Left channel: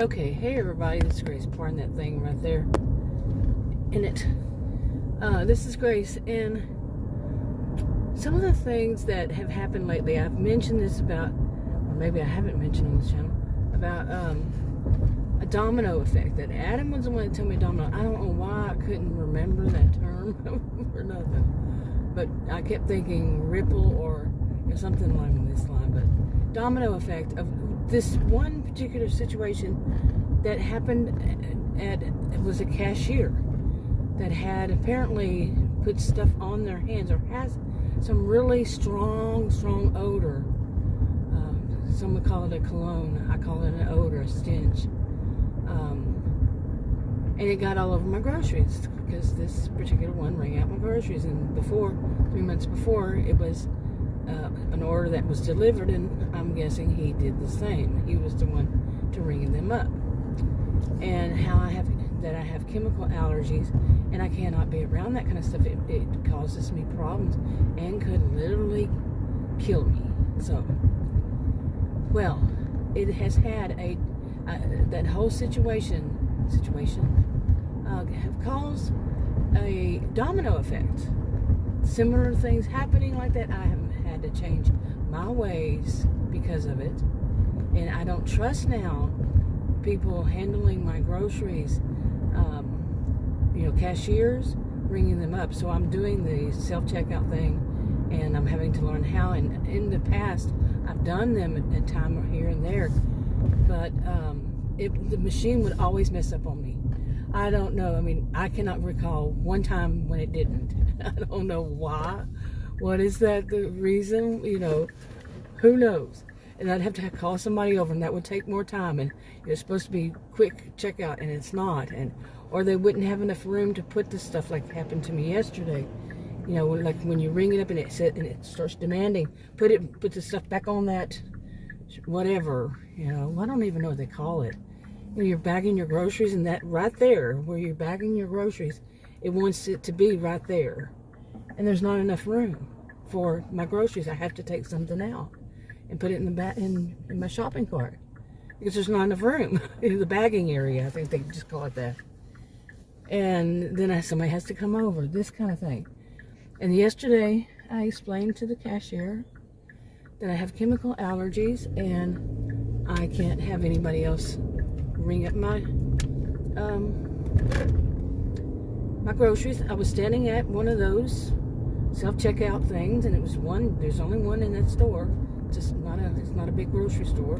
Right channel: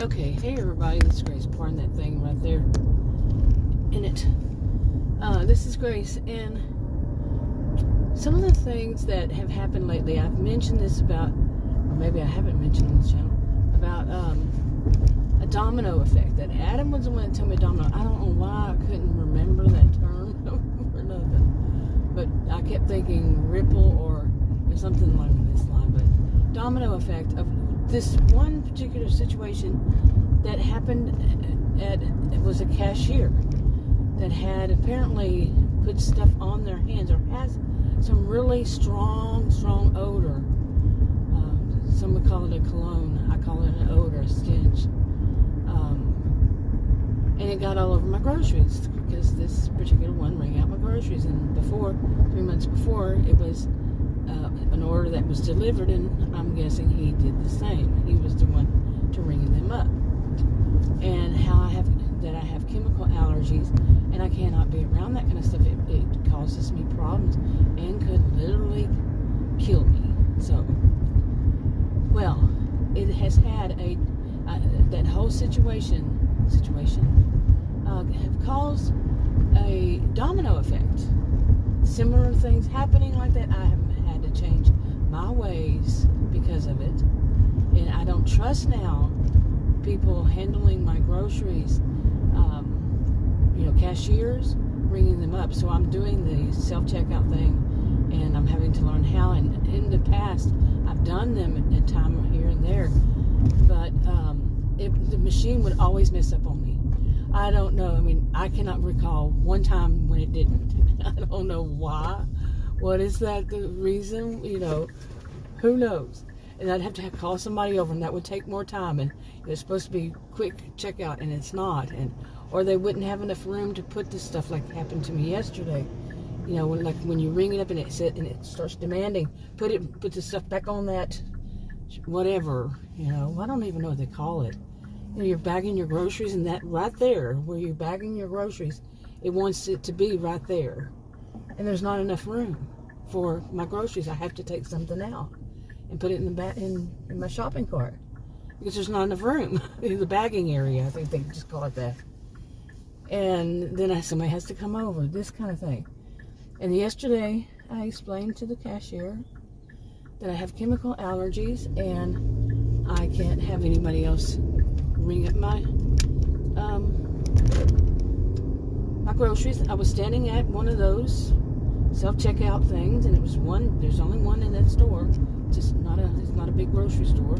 Okay, hey everybody, this is Grace pouring that thing right there in it. This is Grace, and some of the things that have happened lately, I've mentioned this about, or maybe I haven't mentioned on this channel, about a domino effect, that Adam was the one that told me domino. I don't know why I couldn't remember that term or nothing, but I kept thinking ripple or something along this line, but domino effect of this one particular situation that happened it was a cashier that had apparently put stuff on their hands, or has some really strong odor. Some would call it a cologne. I call it an odor, a stench. And it got all over my groceries because this particular one rang out my groceries. And 3 months before, it was an order that was delivered, and I'm guessing he did the same. He was the one to ring them up. And how I have chemical allergies, and I cannot be around that kind of stuff. It causes me problems and could literally kill me. So, well, it has had that whole situation have caused a domino effect. Similar things happening like that. I have had to change my ways because of it, and I don't trust now people handling my groceries, cashiers, ringing them up. So I'm doing the self-checkout thing, and I'm having to learn how. And in the past, I've done them at a time here and there, but the machine would always mess up on me. I don't know. I mean, I cannot recall one time when it didn't. I don't know why. What is that the reason? Who knows? And I'd have to call somebody over, and that would take more time. And it's supposed to be quick checkout, and it's not. Or they wouldn't have enough room to put the stuff like happened to me yesterday. Like when you ring it up and it starts demanding, put the stuff back on that, whatever. I don't even know what they call it. You're bagging your groceries, and that right there where you're bagging your groceries, it wants it to be right there, and there's not enough room for my groceries. I have to take something out and put it in the back in my shopping cart because there's not enough room in the bagging area. I think they just call it that. And then somebody has to come over, this kind of thing. And yesterday I explained to the cashier that I have chemical allergies and I can't have anybody else ring up my groceries. I was standing at one of those self-checkout things, and it was one. There's only one in that store. It's not a big grocery store,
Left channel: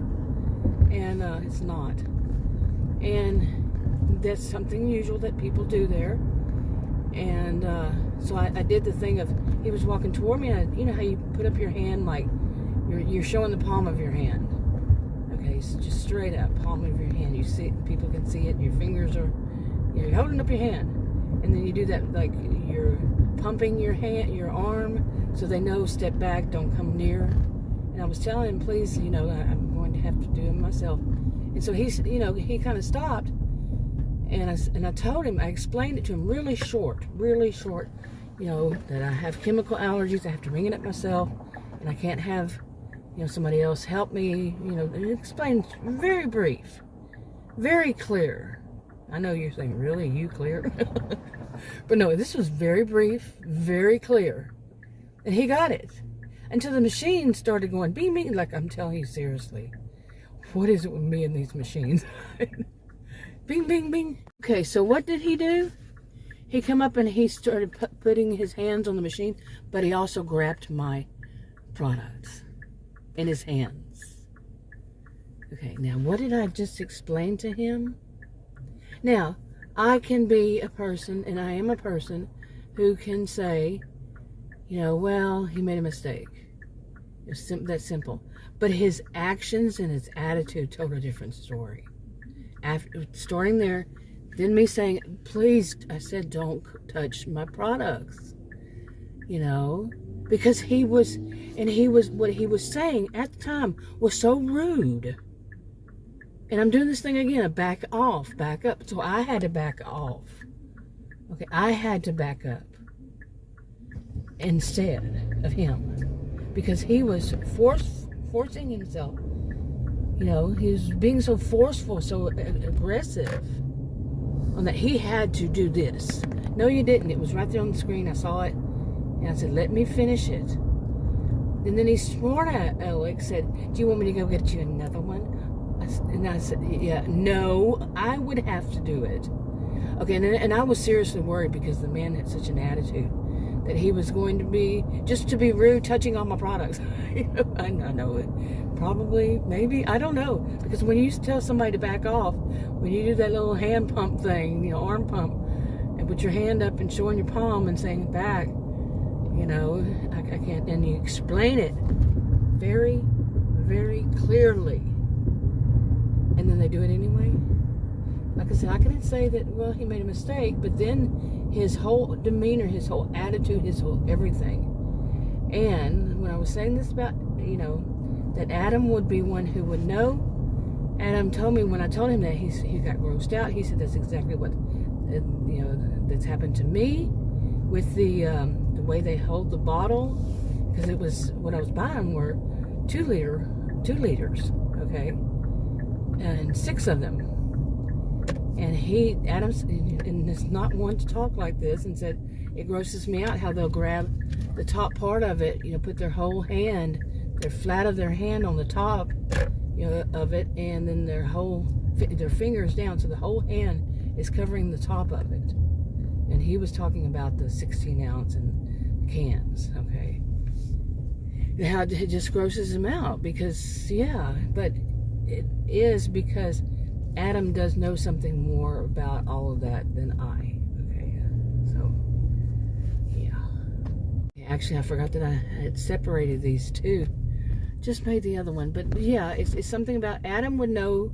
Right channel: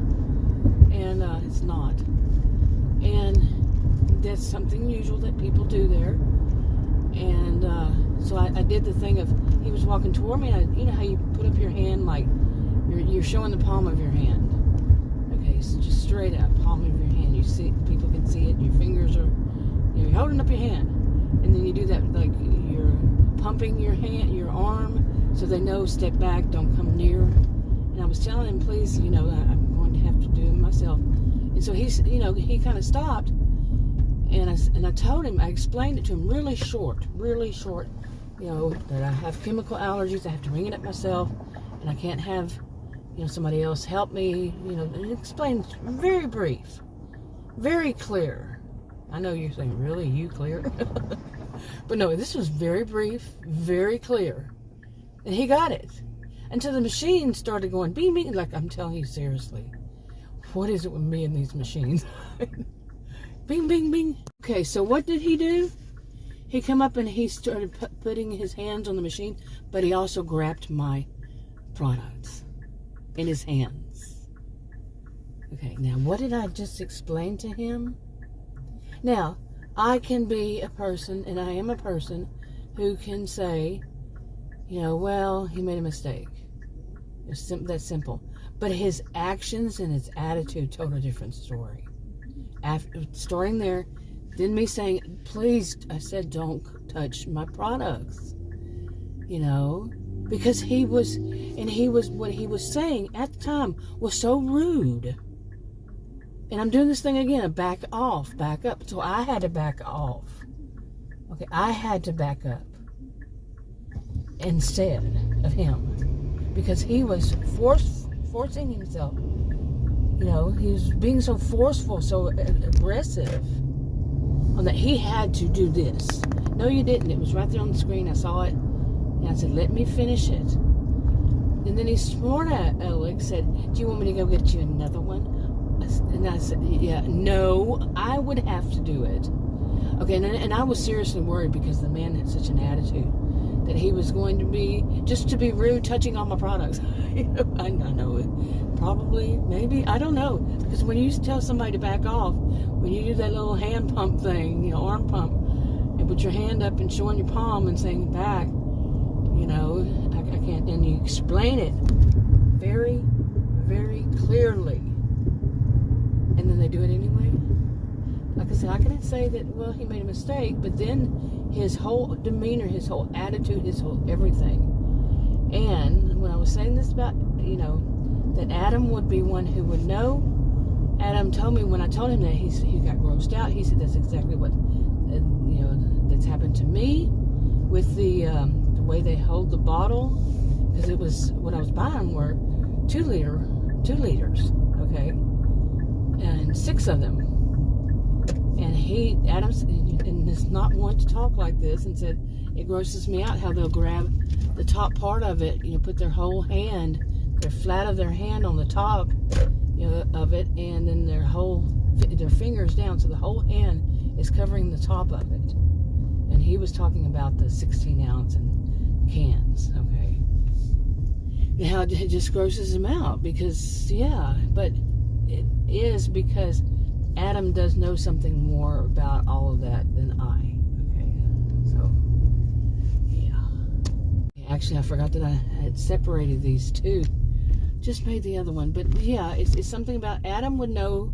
and it's not. And that's something usual that people do there. And so I did the thing of, he was walking toward me, and you know how you put up your hand like you're showing the palm of your hand. Okay, so just straight up, palm of your hand. You see it, people can see it. Your fingers are, you're holding up your hand, and then you do that like you're pumping your hand, your arm, so they know step back, don't come near. And I was telling him, please, I'm going to have to do it myself. And so he kind of stopped, and I told him, I explained it to him really short, that I have chemical allergies. I have to ring it up myself, and I can't have somebody else help me. And explained very brief, very clear. I know you're saying, really, you clear? But no, this was very brief, very clear. And he got it. Until the machine started going, bing, bing. Like, I'm telling you, seriously. What is it with me and these machines? Bing, bing, bing. Okay, so what did he do? He come up and he started putting his hands on the machine, but he also grabbed my products in his hands. Okay, now what did I just explain to him? Now, I can be a person, and I am a person, who can say, well, he made a mistake. It's that simple. But his actions and his attitude told a different story. After starting there, then me saying, please, I said, don't touch my products. Because what he was saying at the time was so rude. And I'm doing this thing again, a back off, back up. So I had to back off. Okay, I had to back up instead of him. Because he was forcing himself, You know, he was being so forceful, so aggressive, on that he had to do this. No, you didn't. It was right there on the screen. I saw it, and I said, let me finish it. And then he smart Alex said, do you want me to go get you another one? And I said, yeah, no, I would have to do it. Okay, and I was seriously worried because the man had such an attitude that he was going to be, just to be rude, touching all my products. You know, I know, probably, maybe, I don't know. Because when you tell somebody to back off, when you do that little hand pump thing, you know, arm pump, and put your hand up and showing your palm and saying back, you know, I can't, and you explain it very, very clearly. And then they do it anyway. Like I said, I couldn't say that, well, he made a mistake, but then his whole demeanor, his whole attitude, his whole everything. And when I was saying this about, you know, that Adam would be one who would know, Adam told me when I told him that, he got grossed out. He said that's exactly what, you know, that's happened to me with the way they hold the bottle, because it was, what I was buying were 2 liters, okay, and 6 of them. And Adam's, and is not one to talk like this, and said, it grosses me out how they'll grab the top part of it, you know, put their whole hand, their flat of their hand on the top, you know, of it, and then their fingers down, so the whole hand is covering the top of it. And he was talking about the 16-ounce and cans, okay. And how it just grosses him out, because, yeah, but it is because Adam does know something more about all of that than I. Okay, so yeah. Actually, I forgot that I had separated these two. Just made the other one, but yeah, it's something about Adam would know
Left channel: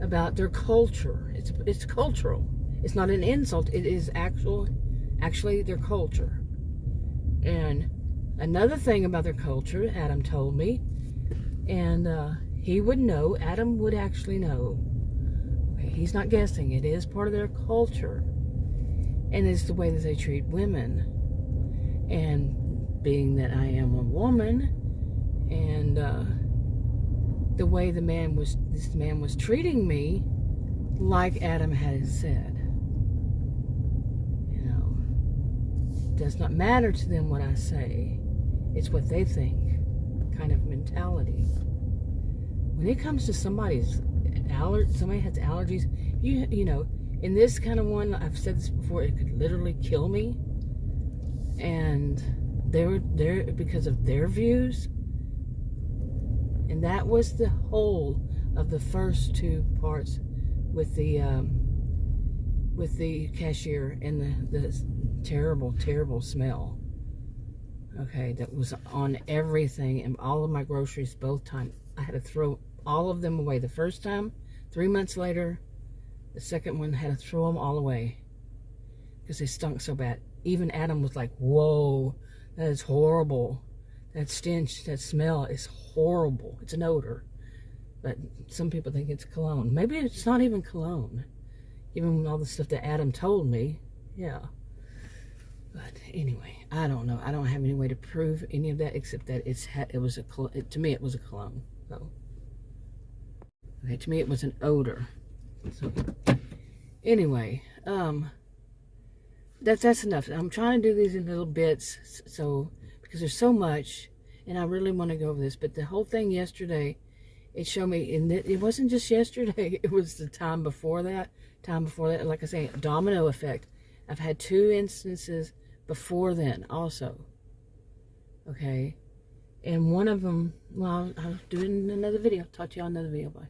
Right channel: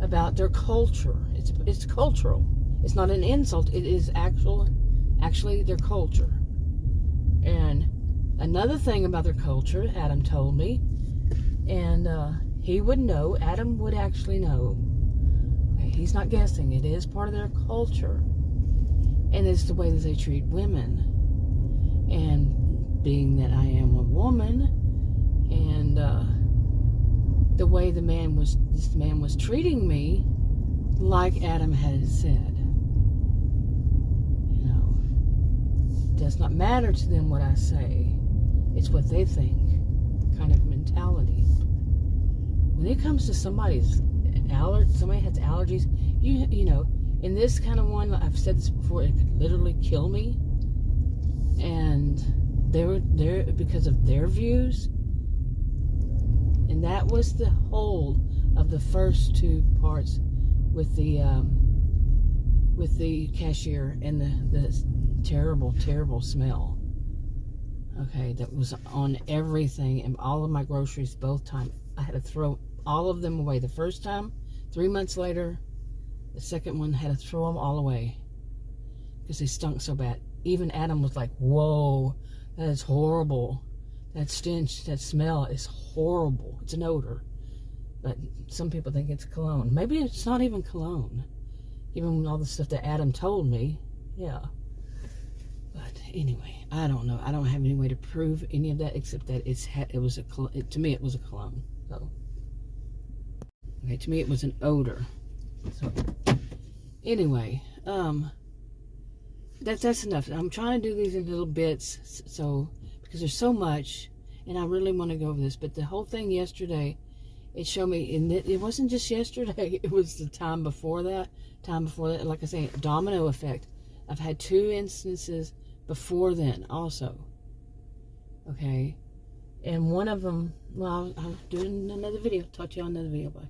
about their culture. It's cultural. It's not an insult. It is actually their culture. And another thing about their culture, Adam told me, and he would know. Adam would actually know. He's not guessing. It is part of their culture. And it's the way that they treat women. And being that I am a woman, and the way this man was treating me, like Adam had said. You know, it does not matter to them what I say. It's what they think kind of mentality. When it comes to somebody has allergies, you know, in this kind of one, I've said this before, it could literally kill me. And they're because of their views. And that was the whole of the first 2 parts with the cashier and the terrible smell. Okay, that was on everything and all of my groceries both times. I had to throw all of them away. The first time, 3 months later, the second one, had to throw them all away because they stunk so bad. Even Adam was like, whoa, that is horrible. That stench, that smell is horrible. It's an odor. But some people think it's cologne. Maybe it's not even cologne. Even all the stuff that Adam told me, yeah. But anyway, I don't know. I don't have any way to prove any of that except that to me it was a cologne. So, okay, to me it was an odor. So, anyway, that's enough. I'm trying to do these in little bits, so because there's so much, and I really want to go over this. But the whole thing yesterday, it showed me, and it wasn't just yesterday. It was the time before that. Like I say, domino effect. I've had 2 instances before then also. Okay, and one of them, well, I'll do it in another video. Talk to you on another video. Bye.